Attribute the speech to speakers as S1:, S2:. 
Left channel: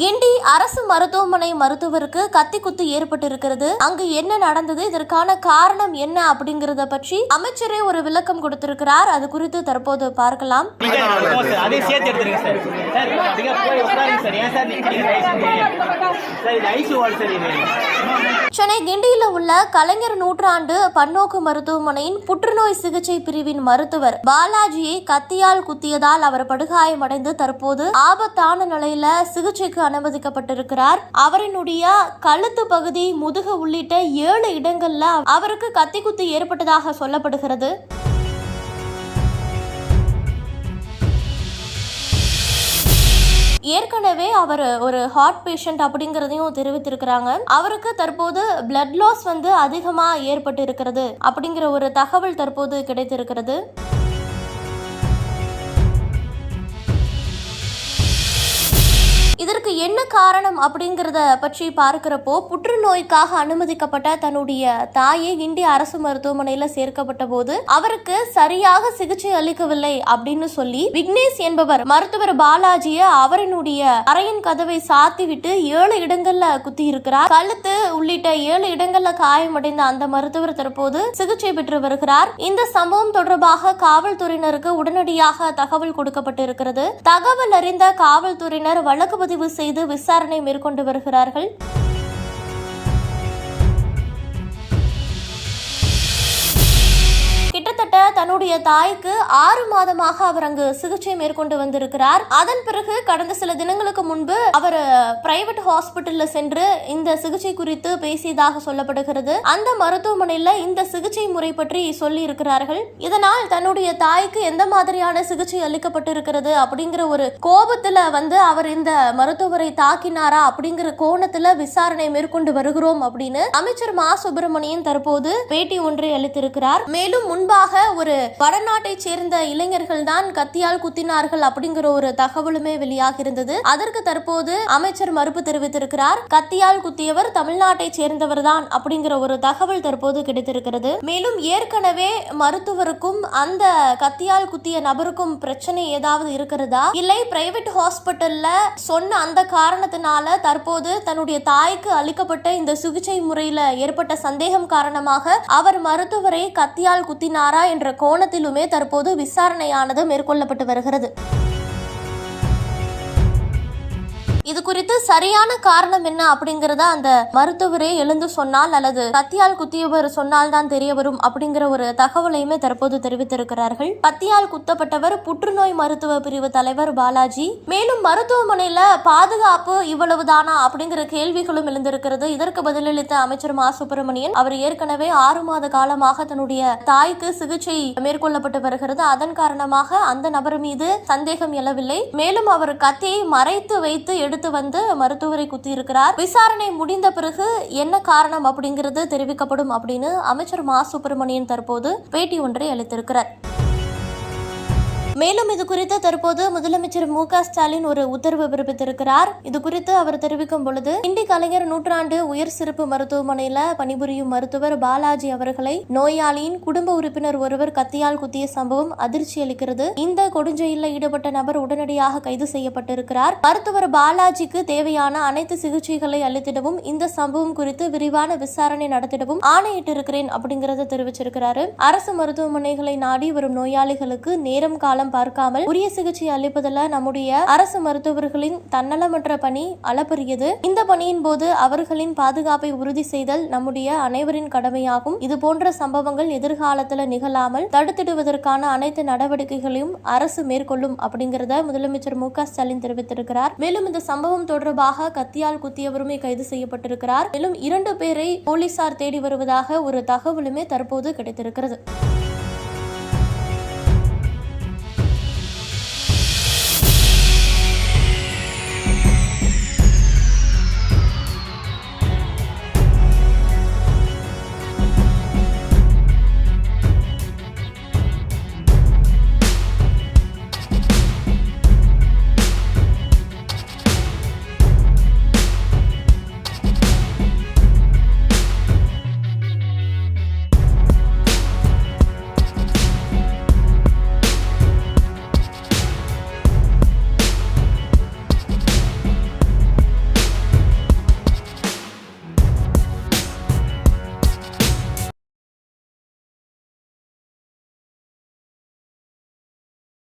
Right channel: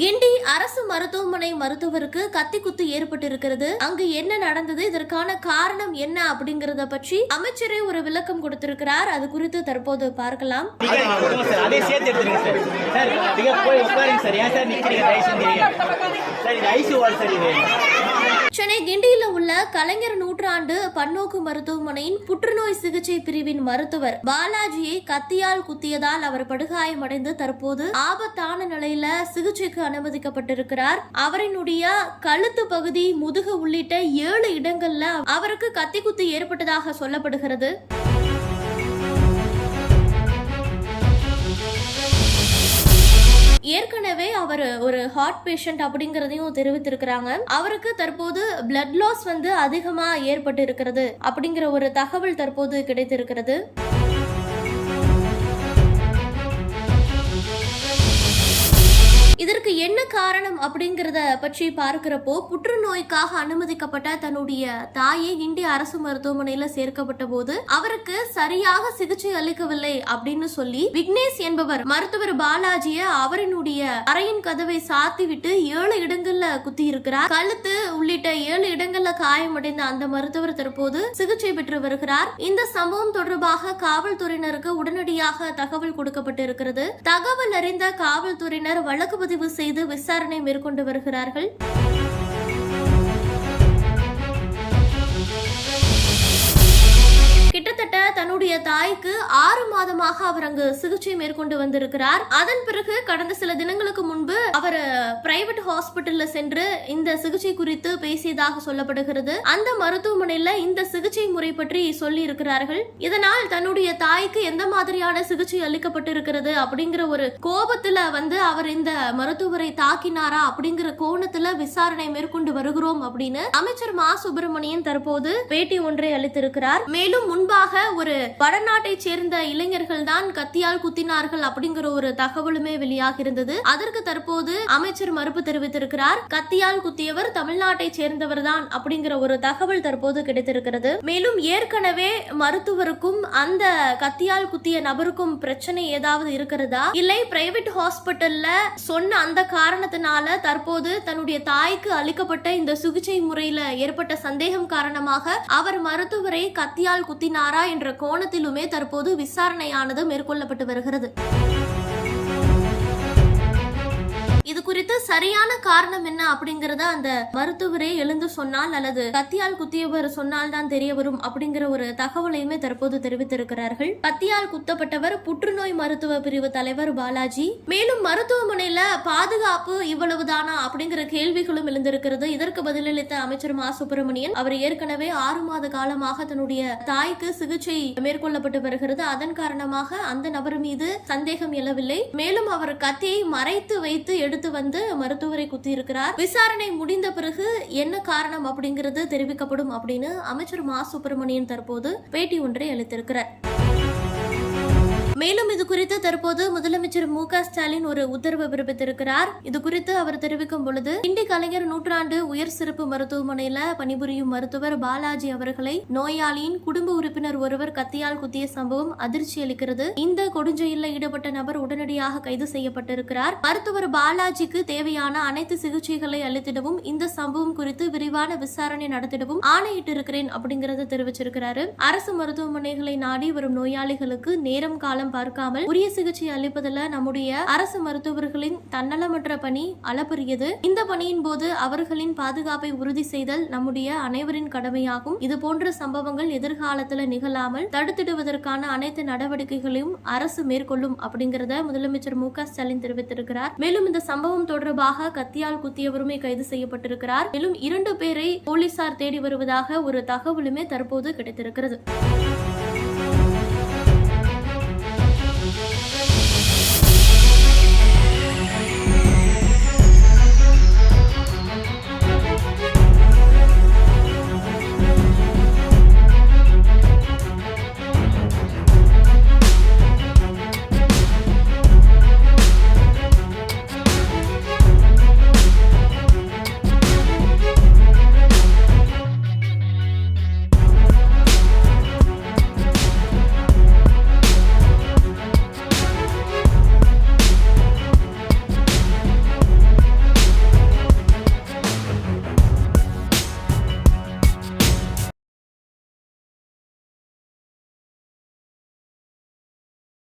S1: கிண்டி அரசு மருத்துவமனை மருத்துவருக்கு கத்தி குத்து ஏற்பட்டிருக்கிறது. அங்கு என்ன நடந்தது? இதற்கான காரணம் என்ன? அப்படிங்கறத பற்றி அமைச்சரே ஒரு விளக்கம் கொடுத்திருக்கிறார். அது குறித்து தற்போது பார்க்கலாம்.
S2: சார்.
S1: சென்னை கிண்டியில் உள்ள கலைஞர் நூற்றாண்டு பன்னோக்கு மருத்துவமனையின் புற்றுநோய் சிகிச்சை பிரிவின் மருத்துவர் பாலாஜியை கத்தியால் குத்தியதால் அவர் படுகாயமடைந்து தற்போது ஆபத்தான நிலையில சிகிச்சைக்கு அனுமதிக்கப்பட்டிருக்கிறார். அவரினுடைய கழுத்து பகுதி முதுகு உள்ளிட்ட ஏழு இடங்கள்ல அவருக்கு கத்தி குத்து ஏற்பட்டதாக சொல்லப்படுகிறது. ஏற்கனவே அவர் ஒரு ஹார்ட் பேஷண்ட் அப்படிங்கறதையும் தெரிவித்திருக்கிறாங்க. அவருக்கு தற்போது பிளட் லாஸ் வந்து அதிகமா ஏற்பட்டு இருக்கிறது அப்படிங்கிற ஒரு தகவல் தற்போது கிடைத்திருக்கிறது. என்ன காரணம் அப்படிங்கிறத பற்றி பார்க்கிறப்போ புற்றுநோய்க்காக அனுமதிக்கப்பட்ட தன்னுடைய தாயை இந்திய அரசு மருத்துவமனையில் சேர்க்கப்பட்ட போது அவருக்கு சரியாக சிகிச்சை அளிக்கவில்லை அப்படின்னு சொல்லி விக்னேஷ் என்பவர் மருத்துவர் பாலாஜிய அவரினுடைய அறையின் கதவை சாத்தி விட்டு ஏழு இடங்கள்ல குத்தி இருக்கிறார் கழுத்து உள்ளிட்ட ஏழு இடங்கள்ல காயமடைந்த அந்த மருத்துவர் தற்போது சிகிச்சை பெற்று வருகிறார். இந்த சம்பவம் தொடர்பாக காவல்துறையினருக்கு உடனடியாக தகவல் கொடுக்கப்பட்டிருக்கிறது. தகவல் அறிந்த காவல்துறையினர் வழக்கு பதிவு செய்து விசாரணை மேற்கொண்டு வருகிறார்கள். தன்னுடைய தாய்க்கு ஆறு மாதமாக அவர் அங்கு சிகிச்சை மேற்கொண்டு வந்திருக்கிறார். அதன் பிறகு கடந்த சில தினங்களுக்கு முன்பு அவர் பிரைவேட் ஹாஸ்பிட்டல்ல சென்று இந்த சிகிச்சை குறித்து பேசியதாக சொல்லப்படுகிறது. அந்த மருத்துவமனையில இந்த சிகிச்சை முறை பற்றி சொல்லி இருக்கிறார்கள் இதனால் தன்னுடைய தாய்க்கு எந்த மாதிரியான சிகிச்சை அளிக்கப்பட்டிருக்கிறது அப்படிங்கிற ஒரு கோபத்துல வந்து அவர் இந்த மருத்துவரை தாக்கினாரா அப்படிங்கிற கோணத்துல விசாரணை மேற்கொண்டு வருகிறோம் அப்படின்னு அமைச்சர் மா. சுப்பிரமணியன் தற்போது பேட்டி ஒன்றை அளித்திருக்கிறார். மேலும் முன்பாக ஒரு வடநாட்டை சேர்ந்த இளைஞர்கள் தான் கத்தியால் குத்தினார்கள் அப்படிங்கிற ஒரு தகவலுமே வெளியாகி இருந்தது. அதற்கு தற்போது அமைச்சர் மறுப்பு தெரிவித்திருக்கிறார். கத்தியால் குத்தியவர் தமிழ்நாட்டை சேர்ந்தவர் தான் அப்படிங்கிற ஒரு தகவல் தற்போது கிடைத்திருக்கிறது. மேலும் ஏற்கனவே மருத்துவருக்கும் அந்த கத்தியால் குத்திய நபருக்கும் பிரச்சனை ஏதாவது இருக்கிறதா? இல்லை பிரைவேட் ஹாஸ்பிட்டல்ல சொன்ன அந்த காரணத்தினால தற்போது தன்னுடைய தாய்க்கு அளிக்கப்பட்ட இந்த சிகிச்சை முறையில ஏற்பட்ட சந்தேகம் காரணமாக அவர் மருத்துவரை கத்தியால் குத்தினாரா என்ற கோணத்திலுமே தற்போது விசாரணையானது மேற்கொள்ளப்பட்டு வருகிறது. இது குறித்து சரியான காரணம் என்ன அப்படிங்கறத அந்த மருத்துவரே எழுந்து சொன்னால் அல்லது கத்தியால் குத்தியவர் சொன்னால் தான் தெரிய வரும் அப்படிங்கிற ஒரு தகவலையுமே தற்போது தெரிவித்திருக்கிறார்கள். கத்தியால் குத்தப்பட்டவர் புற்றுநோய் மருத்துவ பிரிவு தலைவர் பாலாஜி. மேலும் மருத்துவமனையில பாதுகாப்பு இவ்வளவுதானா அப்படிங்கிற கேள்விகளும் எழுந்திருக்கிறது. இதற்கு பதிலளித்த அமைச்சர் மா. சுப்பிரமணியன் அவர் ஏற்கனவே ஆறு மாத காலமாக தன்னுடைய தாய்க்கு சிகிச்சை மேற்கொள்ளப்பட்டு வருகிறது. அதன் காரணமாக அந்த நபர் மீது சந்தேகம் எழவில்லை. மேலும் அவர் கத்தியை மறைத்து வைத்து எடுத்து வந்து மருத்துவரை குத்தியிருக்கிறார். விசாரணை முடிந்த பிறகு என்ன காரணம் அப்படிங்கிறது தெரிவிக்கப்படும் அப்படின்னு அமைச்சர் மா. சுப்பிரமணியன் தற்போது பேட்டி ஒன்றை அளித்திருக்கிறார். மேலும் இது குறித்து தற்போது முதலமைச்சர் மு க ஸ்டாலின் ஒரு உத்தரவு பிறப்பித்திருக்கிறார். இது குறித்து அவர் தெரிவிக்கும் பொழுது இண்டி கலைஞர் நூற்றாண்டு உயர் சிறப்பு மருத்துவமனையில பணிபுரியும் மருத்துவர் பாலாஜி அவர்களை நோயாளியின் குடும்ப உறுப்பினர் ஒருவர் கத்தியால் குத்திய சம்பவம் அதிர்ச்சி அளிக்கிறது. இந்த கொடுஞ்செயலில் ஈடுபட்ட நபர் உடனடியாக கைது செய்யப்பட்டிருக்கிறார். மருத்துவர் பாலாஜிக்கு தேவையான அனைத்து சிகிச்சைகளை அளித்திடவும் இந்த சம்பவம் குறித்து விரிவான விசாரணை நடத்திடவும் ஆணையிட்டிருக்கிறேன் அப்படிங்கறத தெரிவிச்சிருக்கிறாரு. அரசு மருத்துவமனைகளை நாடி வரும் நோயாளிகளுக்கு நேரம் காலம் பார்க்காமல் உரிய சிகிச்சை அளிப்பதில் நம்முடைய அரசு மருத்துவர்களின் தன்னலமற்ற பணி அளப்பரியது. இந்த பணியின் போது அவர்களின் பாதுகாப்பை உறுதி செய்தல் நம்முடைய அனைவரின் கடமையாகும். இது போன்ற சம்பவங்கள் எதிர்காலத்தில் நிகழாமல் தடுத்திடுவதற்கான அனைத்து நடவடிக்கைகளையும் அரசு மேற்கொள்ளும் அப்படிங்கறத முதலமைச்சர் மு க ஸ்டாலின் தெரிவித்திருக்கிறார். மேலும் இந்த சம்பவம் தொடர்பாக கத்தியால் குத்தியவருமே கைது செய்யப்பட்டிருக்கிறார். மேலும் இரண்டு பேரை போலீசார் தேடி வருவதாக ஒரு தகவலுமே தற்போது கிடைத்திருக்கிறது.